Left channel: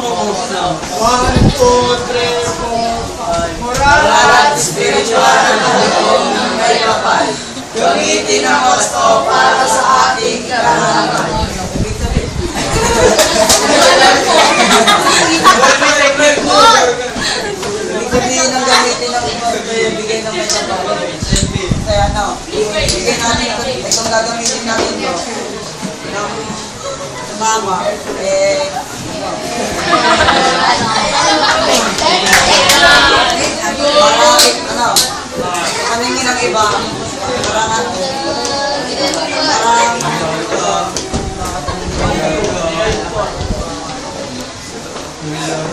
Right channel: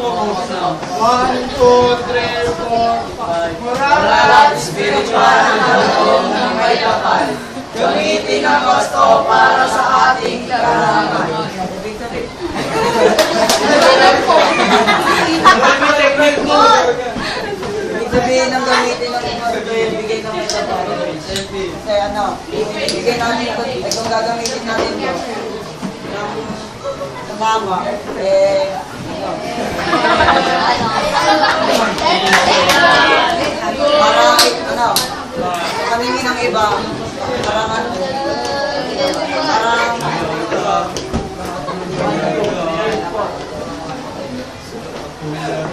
1, 2, 3, 4, 5. Moral At spiritual na buong ng may kapal. Gamitin ang gusto para sa ating karangalan. Ibig sabihin. Ibig sabihin ng gamitin ng gusto, bigay ng may kapal. Kaya ano, bigay natin ito, itong gagamitin natin ito. Ng mama, para kaningin ng iba, parang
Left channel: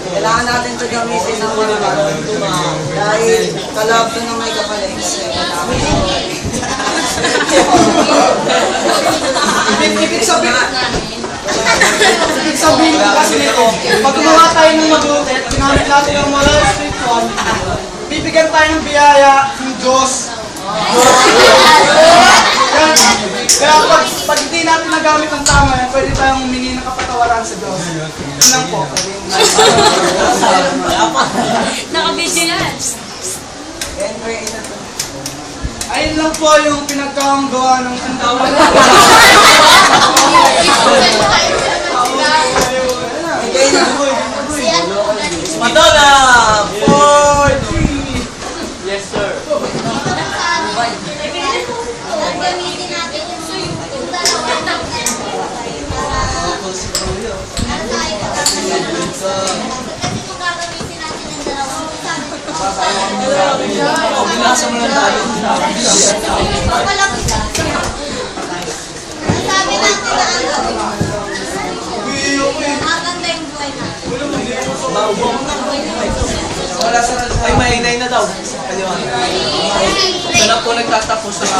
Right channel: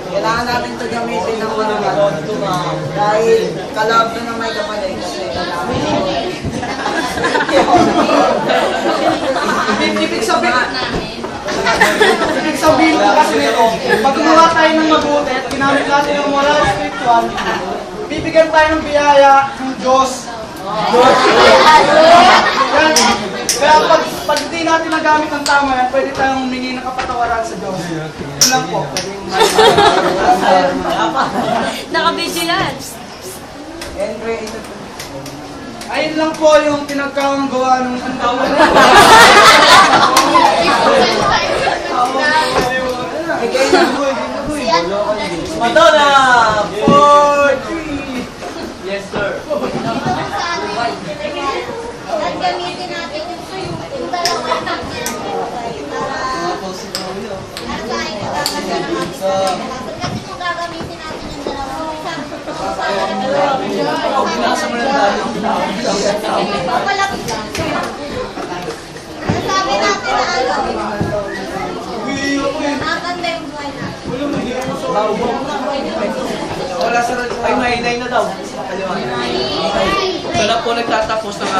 kailangan natin ito gamitin ng mga dahil kalab na ng may kapalit kasi kailangan Ibig sabihin ko kasi nito, pag gumawa tayo ng mabuti at ginamit natin ng moral spiritual, bibigyan tayo ng biyaya ng Diyos. Kaya pag hindi natin nagamit ng tama yan, pwede tayong humingi ng kapatawaran sa Diyos. Yun lang po. Naka-video yan. Ayun lang po yung pinagkagawa ng antawan. Madonna! 4! Yes, sir. Ang gamitin natin yung dalawa na para tayo kakaganda naman sa kasi kung gagamitin natin yung dalawa, Binasa mo na tayo. papalapit na. Sabi natin na ano, maganda yung buhay natin. Wala sa ay mahinay na daw. Wala po nagtatapos ng